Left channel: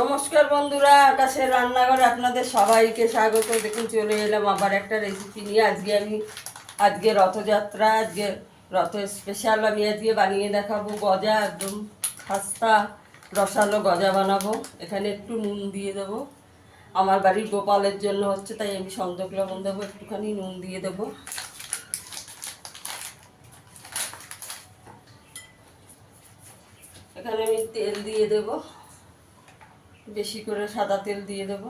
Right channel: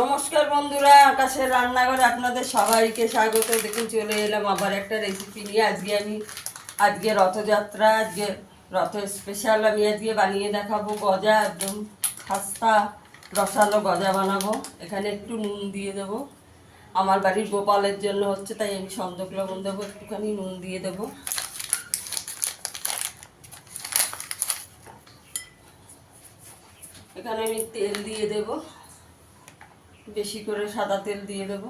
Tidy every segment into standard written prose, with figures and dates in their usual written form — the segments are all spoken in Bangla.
নমস্কার বন্ধুরা, আকাশের রান্নাঘরে আপনাদের সবাইকে স্বাগত। দেখুন চলে এলাম আবার একটা রেসিপি নিয়ে। আজকে রথযাত্রা, আজকে রথ স্পেশাল আমি আজকে বানিয়ে দেখাবো গজা। একদম খাস্তা রসালো গজা বানাবো। এখানে একটু নুন দিয়ে দেবো, আমার বাড়ির গোপালের জন্য হচ্ছে, তাই আমি সন্দক লবণ দেবো, একটুখানি নুন দিয়ে দেবো। এখানে আমি তেল দিয়ে দেবো, বেশি করে সাদা তেল দিয়ে দেবো।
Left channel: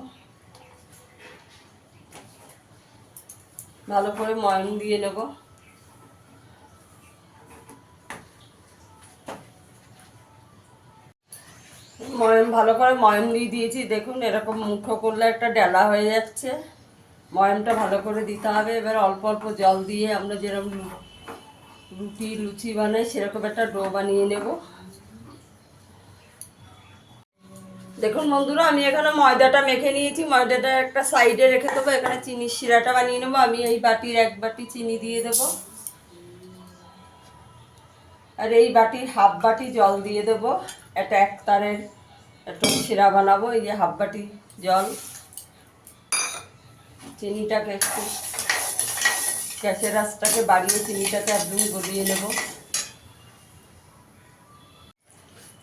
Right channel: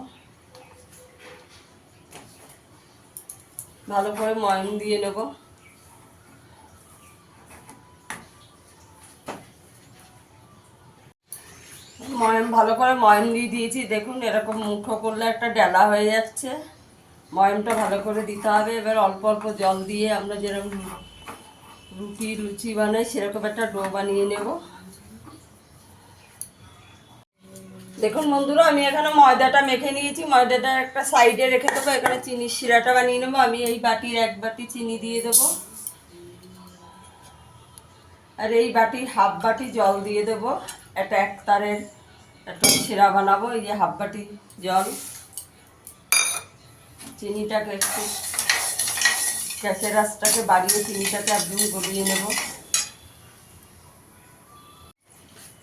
ভালো করে ময়ম দিয়ে নেব। ভালো করে ময়ম দিয়ে দিয়েছি। দেখুন এরকম মুঠো করলে একটা ডেলা হয়ে যাচ্ছে। ময়মটা ভালো করে দিতে হবে। এবার অল্প অল্প জল দিয়ে আমরা যেরকম লুচি বানাই সেরকম একটা ডো বানিয়ে নেব। দেখুন বন্ধুরা, আমি এখানে ময়দাটা মেখে নিয়েছি। ময়দাটা একটা সাইডে রেখে দেবো। এখানে চিনির শিরাটা বানিয়ে নেবো। আমি এই বাটির 1 বাটি চিনি দিয়ে দেবো, আর এই বাটির হাফ বাটি জল দিয়ে দেবো। একটা একতারের একটা শিরা বানাবো। এই যে হাফ বাটি জল। চিনিটাকে একটু গ্যাসের আঁচটাকে বাড়িয়ে চিনিটাকে একদম গলিয়ে নেব।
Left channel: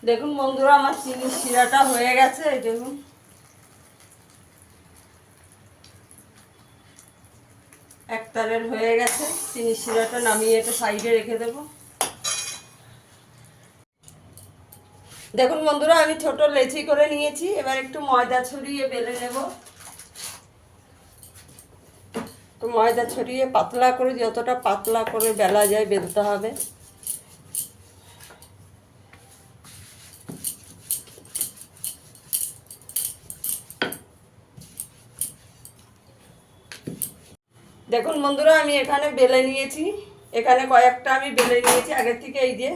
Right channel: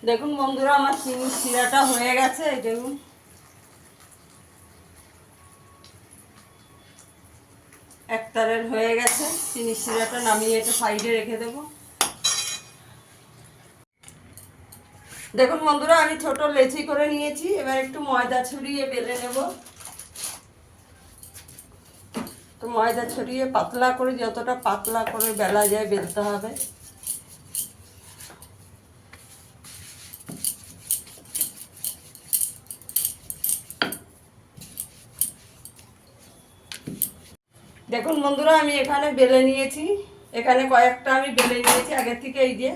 দেখুন বন্ধুরা, আমার চিনির শিরাটা হয়ে গেছে। এই দেখুন একতারের হয়ে গেছে। চিনির শিরাটা নামিয়ে এটা সাইডে রেখে দেবো। দেখুন বন্ধুরা, আমি ছোট লেচি করে নিয়েছি। এবার একটু ময়দা ছড়িয়ে বেলে নেব। তো ময়দা ছড়িয়ে পাতলা করে, যতটা পাতলা করে বেলা যায় বেলতে হবে। দেখুন বন্ধুরা, আমি এখানে বেলে নিয়েছি। এখানে কয়েকটা আমি বেলে নিয়েছি আগের থেকে। এই যে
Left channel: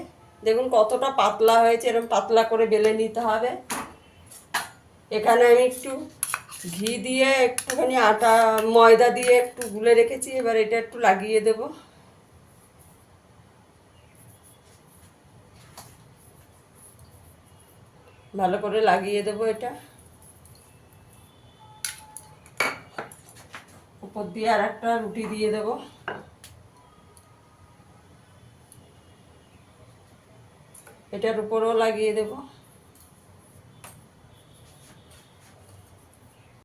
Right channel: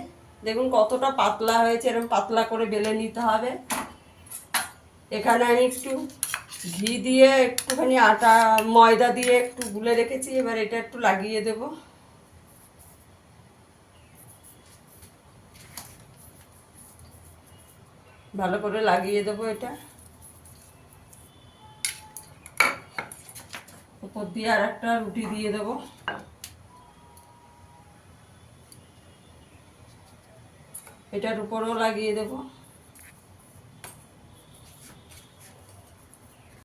দেখুন কতটা পাতলা হয়েছে। এরকম পাতলা করে বেলে নিতে হবে। এখানে আমি একটু ঘি দিয়ে একটুখানি ময়দা দিয়ে একটু গুলে রেখেছি। এবার এটা একটু লাগিয়ে দেব। ভালো করে লাগিয়ে দেবো এটা। উপর দিয়ে আর একটা রুটি দিয়ে দেবো। এটার উপরেও লাগিয়ে দেব।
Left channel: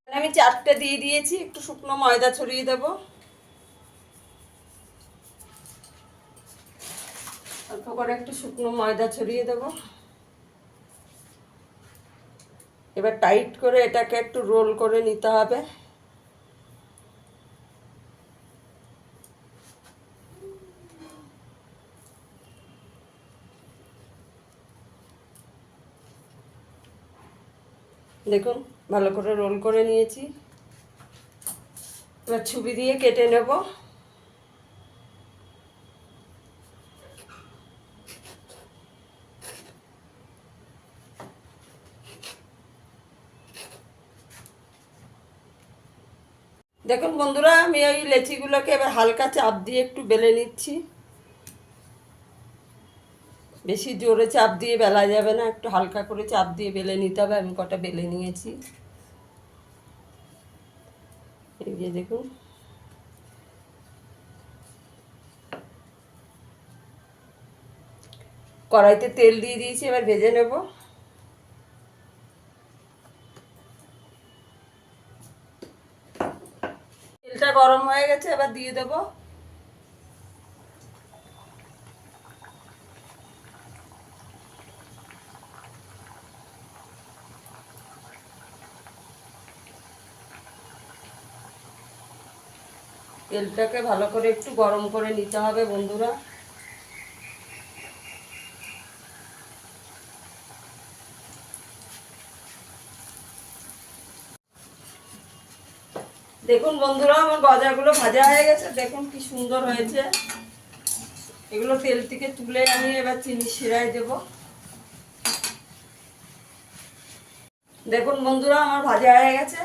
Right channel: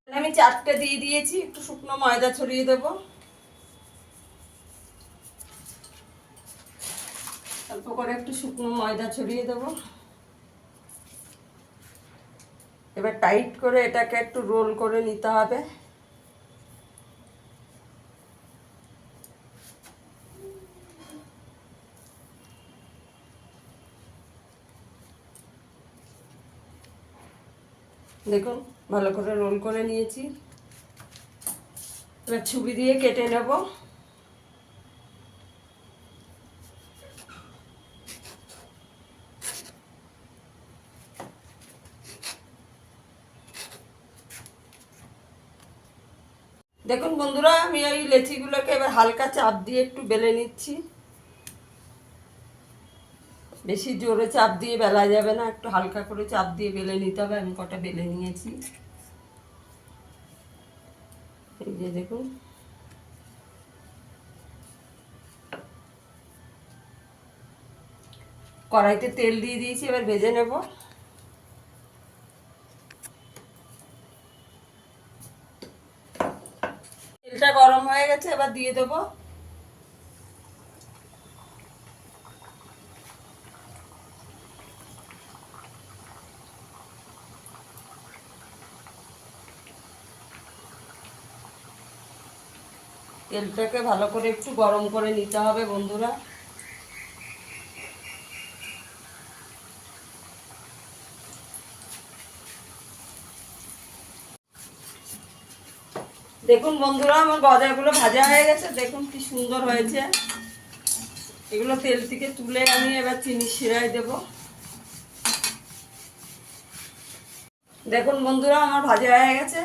আমি 4টে দিয়ে দিয়েছি। একটু শুকনো ময়দা ছড়িয়ে দেব। অল্প করে একটু শুকনো ময়দা ছড়িয়ে দেব। এবার টাইট করে এটাকে একটু রোল করে নিতে হবে। দেখুন ভালো করে রোল করে নিয়েছি। এবার ছুরি দিয়ে কেটে নেব। দেখুন বন্ধুরা, আমি এই লেচিগুলোকে এবার হালকা চাপ দিয়ে একটু বেলে নিচ্ছি। বেশি জোরে চাপ দিয়ে বেলা যাবে না, একটু হালকা করে চাপ দিয়ে বেলে নিতে হবে। আমি কটা বেলে নিয়েছি। এই যে দেখুন, কড়াইতে তেল দিয়ে দিয়েছি। এবার ভেজে নেব। তেলটা গরম হয়ে গেছে, এবার দিয়ে দেবো। তেলটাকে ভালো করে একটু গরম করে নিতে হবে বন্ধুরা। দেখুন বন্ধুরা, আমার গজাগুলো ভাজা হয়ে গেছে। দেখুন কি সুন্দর হয়েছে। এগুলো তেল থেকে তুলে আমি এবার চিনির শিরায় দেব। দেখুন বন্ধুরা, আমার ভাজা হয়ে গেছে।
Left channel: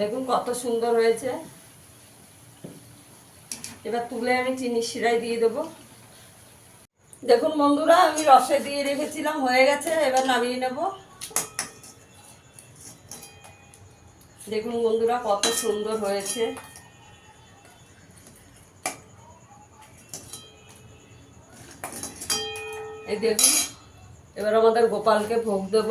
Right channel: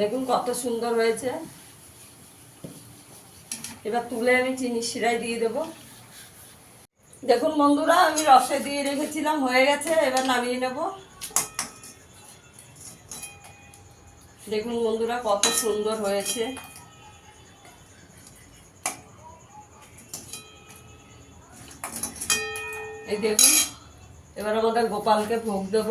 দেখুন কত সুন্দর হয়েছে। এবার তুলে আমি চিনির শিরায় দিয়ে দেবো। দেখুন বন্ধুরা, আমি রসে দিয়ে রেখেছিলাম, হয়ে গেছে, এবার নামিয়ে নেব। দেখুন বন্ধুরা কত সুন্দর হয়েছে। এই দেখুন, এবার আমাদের গোপালকে ভোগ দেব।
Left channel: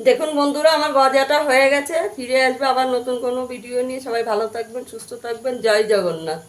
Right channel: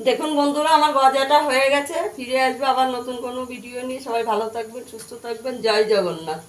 দেখুন বন্ধুরা, আমার গজাটা হয়ে গেছে। ফিরে আসবে আবার নতুন কোনো ভিডিও নিয়ে। সবাই ভালো থাকবেন, সুস্থ থাকবেন। জয় জগন্নাথ।